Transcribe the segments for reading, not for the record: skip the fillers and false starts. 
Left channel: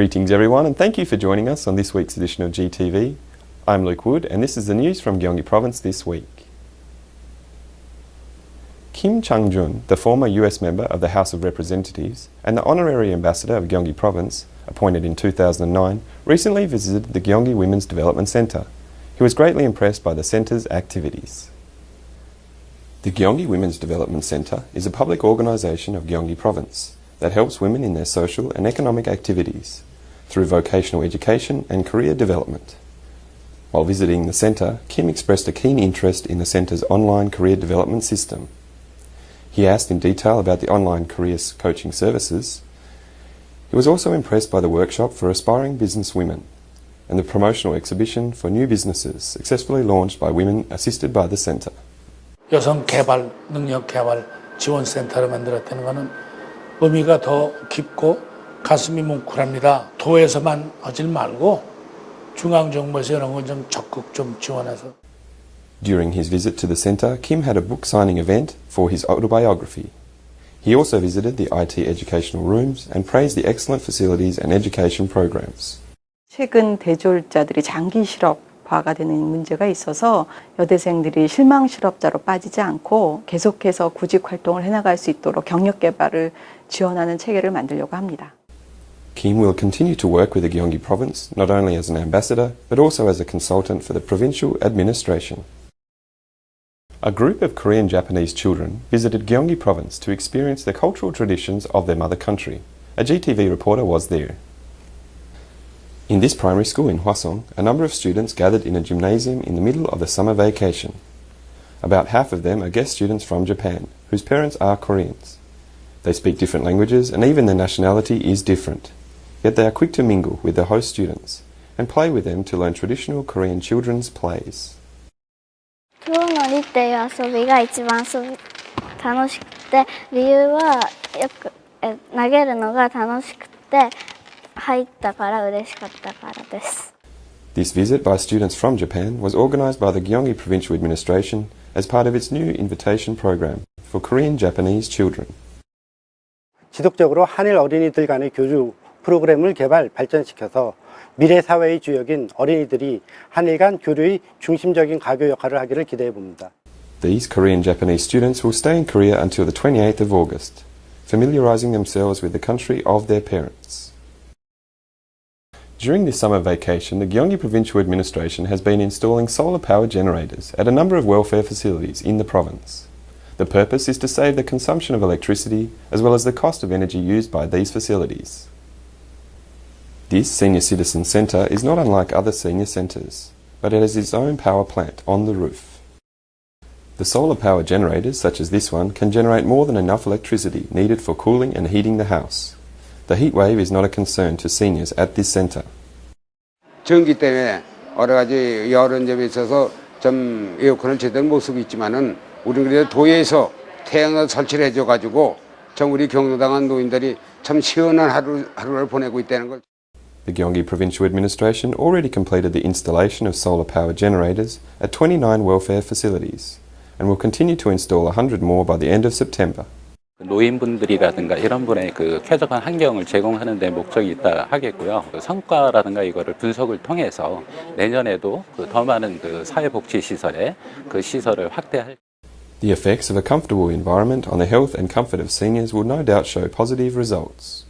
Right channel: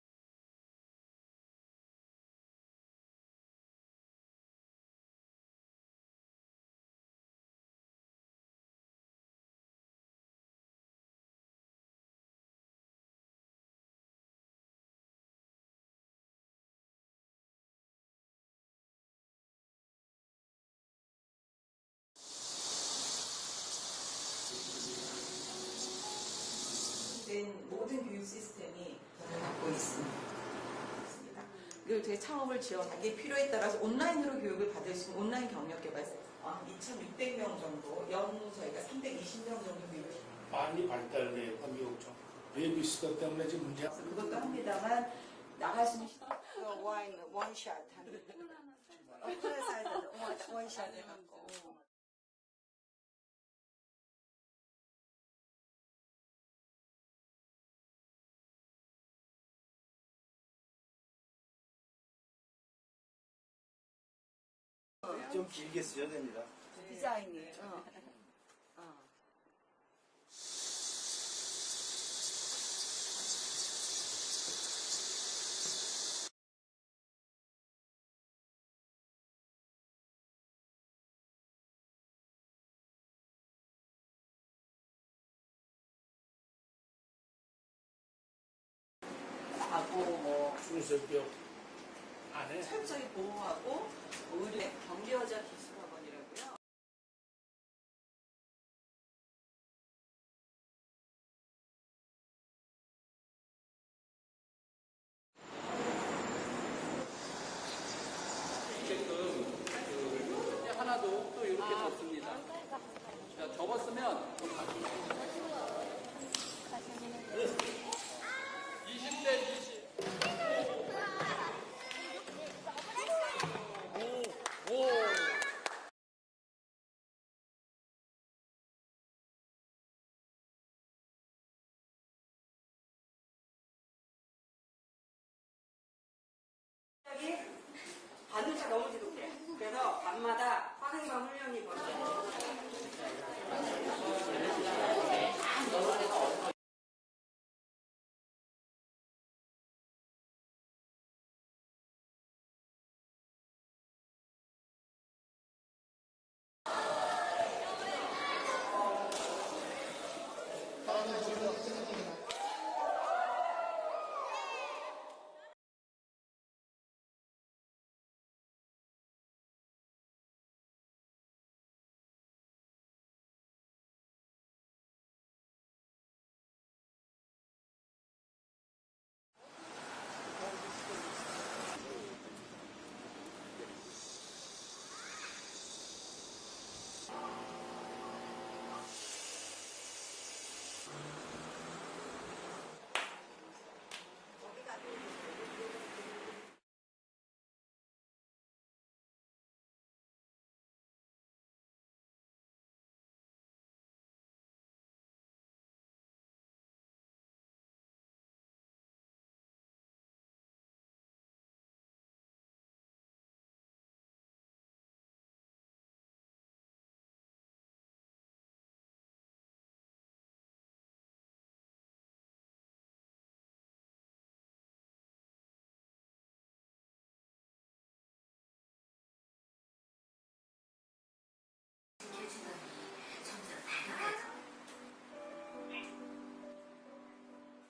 Greetings everyone, and thank you for joining us on this week's edition of GTV. I'm Luke Wood and this is the news from Gyeonggi Province this week. Kim Chang-jun, the former US member of the House of Representatives and the Honorary Ambassador of Gyeonggi Province, appointed in 2009, recently visited the Gyeonggi Women's Development Centre. He was greatly impressed by the centre's activities. The Gyeonggi Women's Development Centre is a public organisation of Gyeonggi Province that helps women in their social and economic activities through vocational education and career development. While visiting the centre, Kim expressed a keen interest in the centre's online career development system. He asked in detail about the online careers coaching services. He was also impressed by the workshop for aspiring business women and the promotional exhibition for new businesses successfully launched by women assisted by the centre. 여성 개발, 능력 개발 지원 센터를 만들었다는 것은 의미가 더 깊고 가슴이 뭉클합니다. 도에서만 하질 말고 중앙 정부에서 이런 건 좀 적극 좀 지원해서. During his visit to the centre, Kim had a book signing event for his autobiography. He also visited the IT educational rooms and praised the excellent facilities and education programs. 최근 대졸자들이 장기 실업화가 되는 문제가 있어서 여대생들이 실망 실업자로 빠지지 않고 계속해서 구직 활동을 해나갈 수 있도록 경력 개발을 지원하는 체계를 만들려고 합니다. Kim will continue to work with the Gyeonggi Province, not only as an ambassador, but also as a consultant for the provincial administration. A group of Korean Japanese children visited Gyeonggi Province to experience the cultural traditions of their mother country. A GTV reporter was there. In this primary school in Hwasong, a number of students gathered in a gymnasium in the middle of the summer vacation. About half of them are guest students from Japan, whose parents are Koreans. They speak different languages and even their nationality is different. Yet they are quick to mingle with their host students and play with them to learn traditional Korean children's plays. 風呂のりっていう遊びが一番楽しくて、理由はよく投げるのが楽しくて入ったから嬉しかったからです。This visit by students from Japan was organised by the Gyeonggi Provincial Administration as part of its new invitation program for Korean Japanese children. 지속적으로 한일 어린이들 간의 교류 프로그램을 발전시켜서 미래 사회의 주역인 어린이들이 한일 간 교류의 중심적인 가교 역할을 하기를 기대해 봅니다. These Korean Japanese students will stay in Korea until the 28th of August, familiarising themselves with the country of their parents. During this summer vacation, the Gyeonggi Provincial Administration has been installing solar power generators at a number of welfare facilities in the province. The purpose is to save the consumption of electricity as well as the cost of energy used by these facilities. This senior citizen centre is not unlike other senior centres, but it has its own power plant on the roof. The solar power generators, such as this one, can generate more than enough electricity needed for cooling and heating the house. The heat wave is not a concern to seniors at this centre. 전기 때문에 여러 가지 여러 점에 있어서 좀 에어컨을 제대로 못 쓰고 있지만은 우리는 그래도 도에서 태양을 설치를 해줘가지고 전 우리 경로당한 노인들이 참 시원한 하루를 보내고 있다는 걸. The Gyeonggi Provincial Administration already completed the installation of solar power generators at 29 welfare facilities and will continue to install 100 more by the end of September. 노인분들이라든가 이런 분의 쾌적한 환경을 제공하는 데 목적이 있다 하겠고요. 성과라든가 이거를 분석을 통해서 내년에도 더 많은 사회복지시설에 시설을 확대할. The effects of a comfortable environment on the health and comfort of seniors will no doubt show positive results.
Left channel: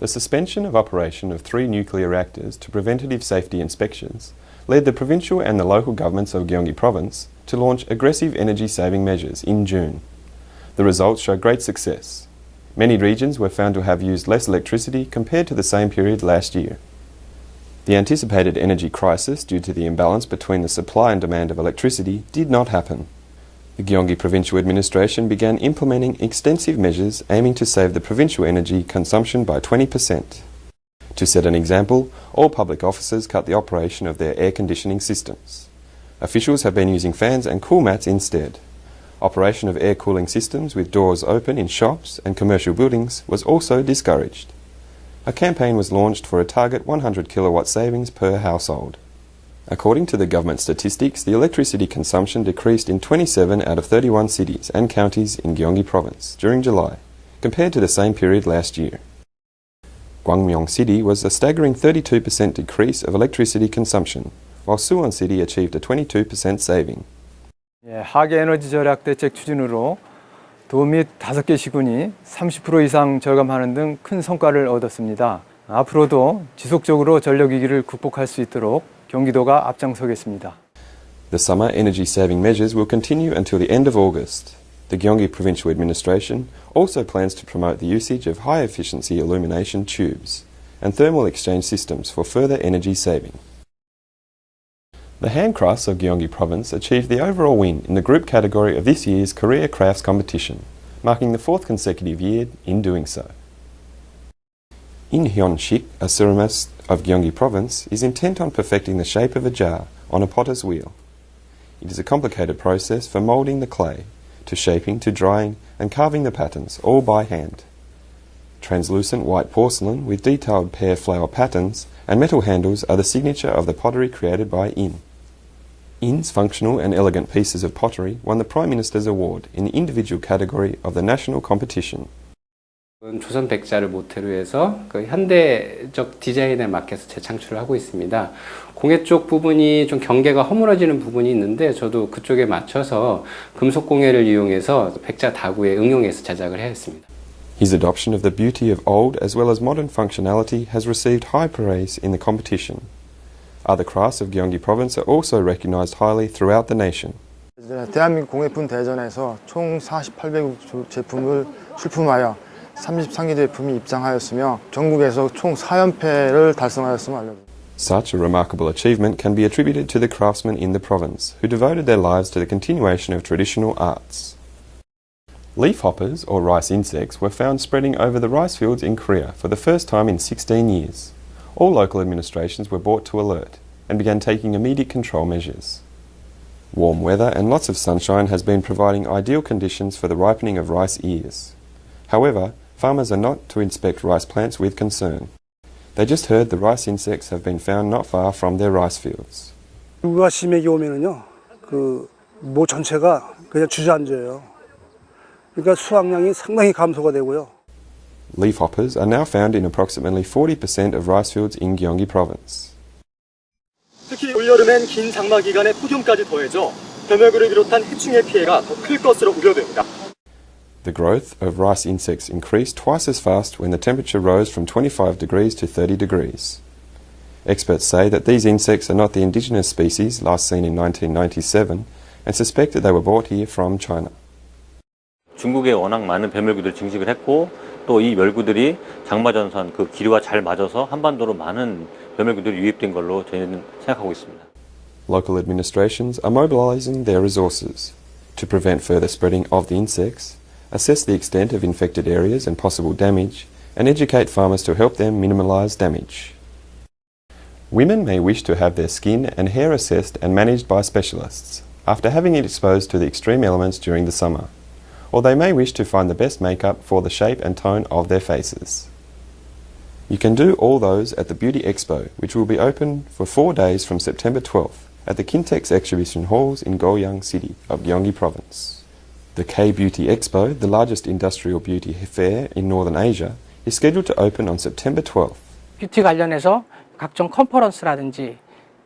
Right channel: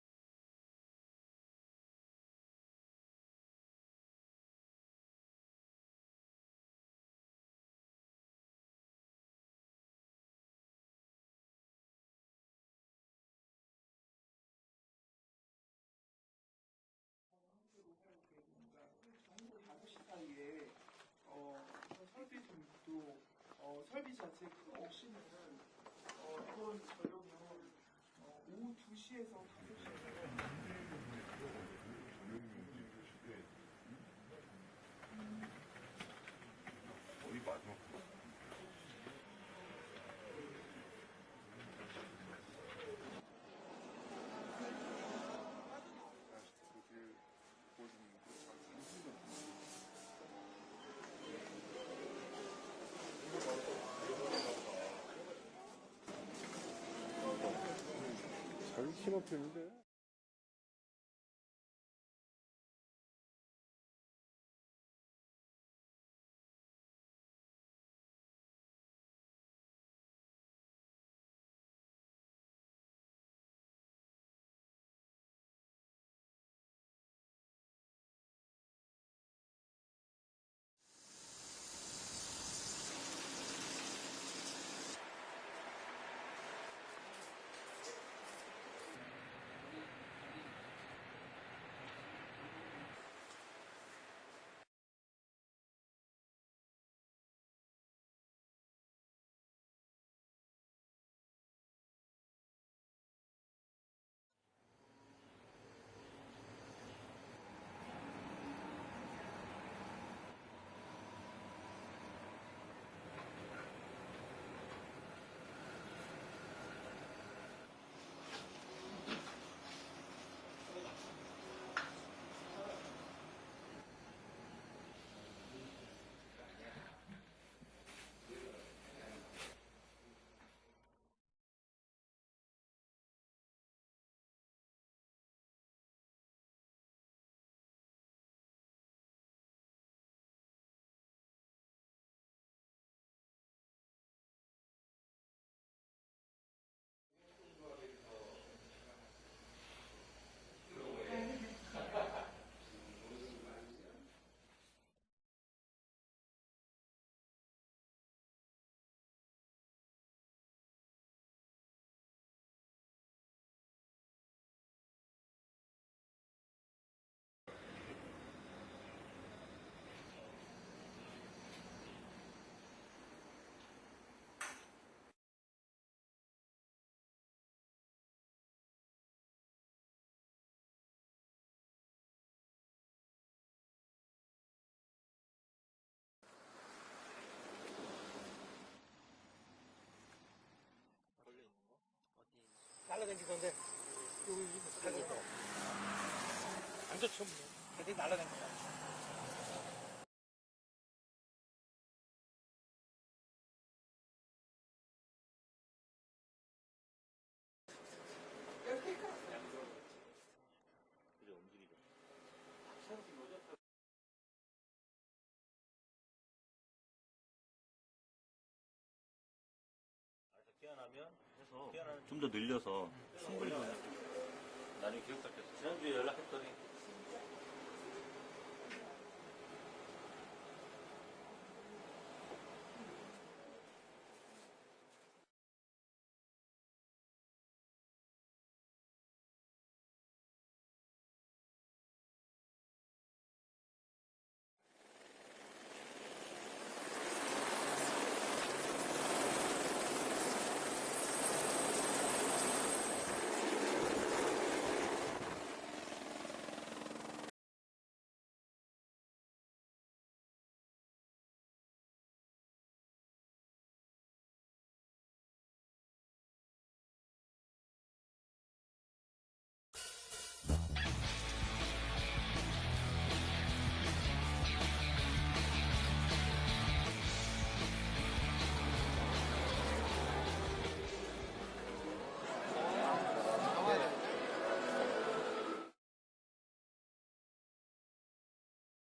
The suspension of operation of 3 nuclear reactors to preventative safety inspections led the provincial and the local governments of Gyeonggi Province to launch aggressive energy-saving measures in June. The results show great success. Many regions were found to have used less electricity compared to the same period last year. The anticipated energy crisis due to the imbalance between the supply and demand of electricity did not happen. The Gyeonggi Provincial Administration began implementing extensive measures aiming to save the provincial energy consumption by 20%. To set an example, all public offices cut the operation of their air conditioning systems. Officials have been using fans and cool mats instead. Operation of air cooling systems with doors open in shops and commercial buildings was also discouraged. A campaign was launched for a target 100 kilowatt savings per household. According to the government statistics, the electricity consumption decreased in 27 out of 31 cities and counties in Gyeonggi Province during July, compared to the same period last year. Gwangmyeong City was a staggering 32% decrease of electricity consumption, while Suwon City achieved a 22% saving. 하계 에너지 절약 대책 추진으로 도 및 5개 시군이 30% 이상 절감하는 등 큰 성과를 얻었습니다. 앞으로도 지속적으로 전력 위기를 극복할 수 있도록 경기도가 앞장서겠습니다. The summer energy saving measures will continue until the end of August. The Gyeonggi Provincial Administration also plans to promote the usage of high efficiency illumination tubes and thermal exchange systems for further energy saving. The handcrafts of Gyeonggi Province achieved the overall win in the group category of this year's Korea Crafts competition, marking the 4th consecutive year in doing so. In Hyun-shik, a ceramist of Gyeonggi Province, is intent on perfecting the shape of a jar on a potter's wheel. It is a complicated process for moulding the clay, to shaping, to drying and carving the patterns, all by hand. Translucent white porcelain with detailed pear flower patterns and metal handles are the signature of the pottery created by In. In's functional and elegant pieces of pottery won the Prime Minister's Award in the individual category of the national competition. 조선 백자를 모태로 해서 그 현대적 디자인에 맞게서 재창출을 하고 있습니다. 공예 쪽 부분이 좀 경계가 허물어지는 부분이 있는데 저도 그쪽에 맞춰서 금속 공예를 이용해서 백자 다구에 응용해서 제작을 했습니다. His adoption of the beauty of old as well as modern functionality has received high praise in the competition. Other crafts of Gyeonggi Province are also recognized highly throughout the nation. 대한민국 공예품 대전에서 총 4,800여 제품을 출품하여 33개 제품이 입상하였으며 전국에서 총 4연패를 달성하였음을 알려드립니다. Such a remarkable achievement can be attributed to the craftsmen in the province who devoted their lives to the continuation of traditional arts. Leafhoppers, or rice insects, were found spreading over the rice fields in Korea for the first time in 16 years. All local administrations were brought to alert and began taking immediate control measures. Warm weather and lots of sunshine has been providing ideal conditions for the ripening of rice ears. However, farmers are not to inspect rice plants with concern. They just heard the rice insects have been found not far from their rice fields. 누가 심하게 오면은요, 모 전체가 그냥 주저앉아요. 그러니까 수확량이 상당히 감소가 되고요. Leafhoppers are now found in approximately 40% of rice fields in Gyeonggi Province. 특히 올여름엔 긴 장마 기간에 폭염까지 더해져 변멸구를 비롯한 해충의 피해가 더 클 것으로 우려됩니다. The growth of rice insects increased twice as fast when the temperature rose from 25 degrees to 30 degrees. Experts say that these insects are not the indigenous species last seen in 1997 and suspect that they were brought here from China. 중국에 워낙 많은 뱀멸구들을 증식을 했고 또 이 멸구들이 장마전선 그 기류와 잘 맞아서 한반도로 많은 뱀멸구들이 유입된 걸로 저희는 생각하고 있습니다. Local administrations are mobilizing their resources to prevent further spreading of the insects, assess the extent of infected areas and possible damage, and educate farmers to help them minimize damage. Women may wish to have their skin and hair assessed and managed by specialists after having it exposed to the extreme elements during the summer, or they may wish to find the best makeup for the shape and tone of their faces. You can do all those at the Beauty Expo, which will be open for 4 days from September 12th at the Kintex Exhibition Halls in Goyang City of Gyeonggi Province. The K-Beauty Expo, the largest industrial beauty fair in Northern Asia, is scheduled to open on September 12th. 뷰티 관련해서 각종 컨퍼런스라든지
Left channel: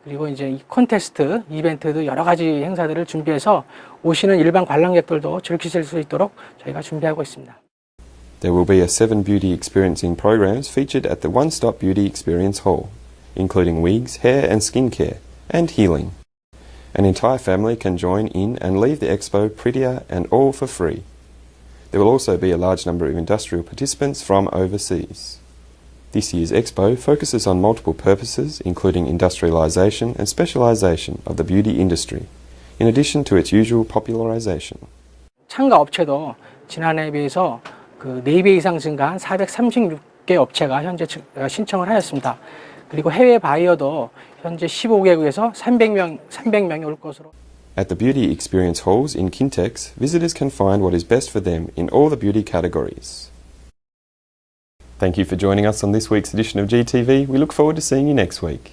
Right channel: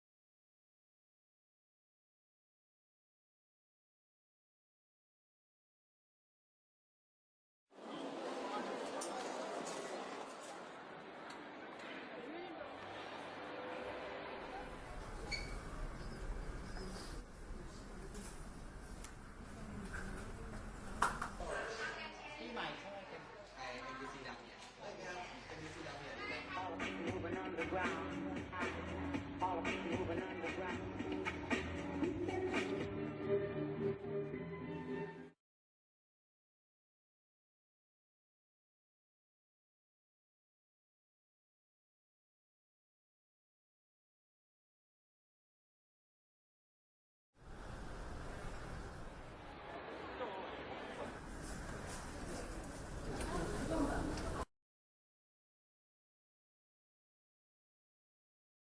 그리고 이제 이 콘테스트, 이벤트도 여러 가지 행사들을 준비해서 오시는 일반 관람객들도 즐기실 수 있도록 저희가 준비하고 있습니다. There will be a 7 beauty experiencing programs featured at the One-Stop Beauty Experience Hall, including wigs, hair and skincare, and healing. An entire family can join in and leave the expo prettier and all for free. There will also be a large number of industrial participants from overseas. This year's expo focuses on multiple purposes, including industrialisation and specialisation of the beauty industry, in addition to its usual popularisation. 참가 업체도 지난해에 비해서 4배 이상 증가한 436개 업체가 현재 신청을 하였습니다. 그리고 해외 바이어도 현재 15개국에서 300명이 올 것으로. At the beauty experience halls in Kintex, visitors can find what is best for them in all the beauty categories. Thank you for joining us on this week's edition of GTV. We look forward to seeing you next week.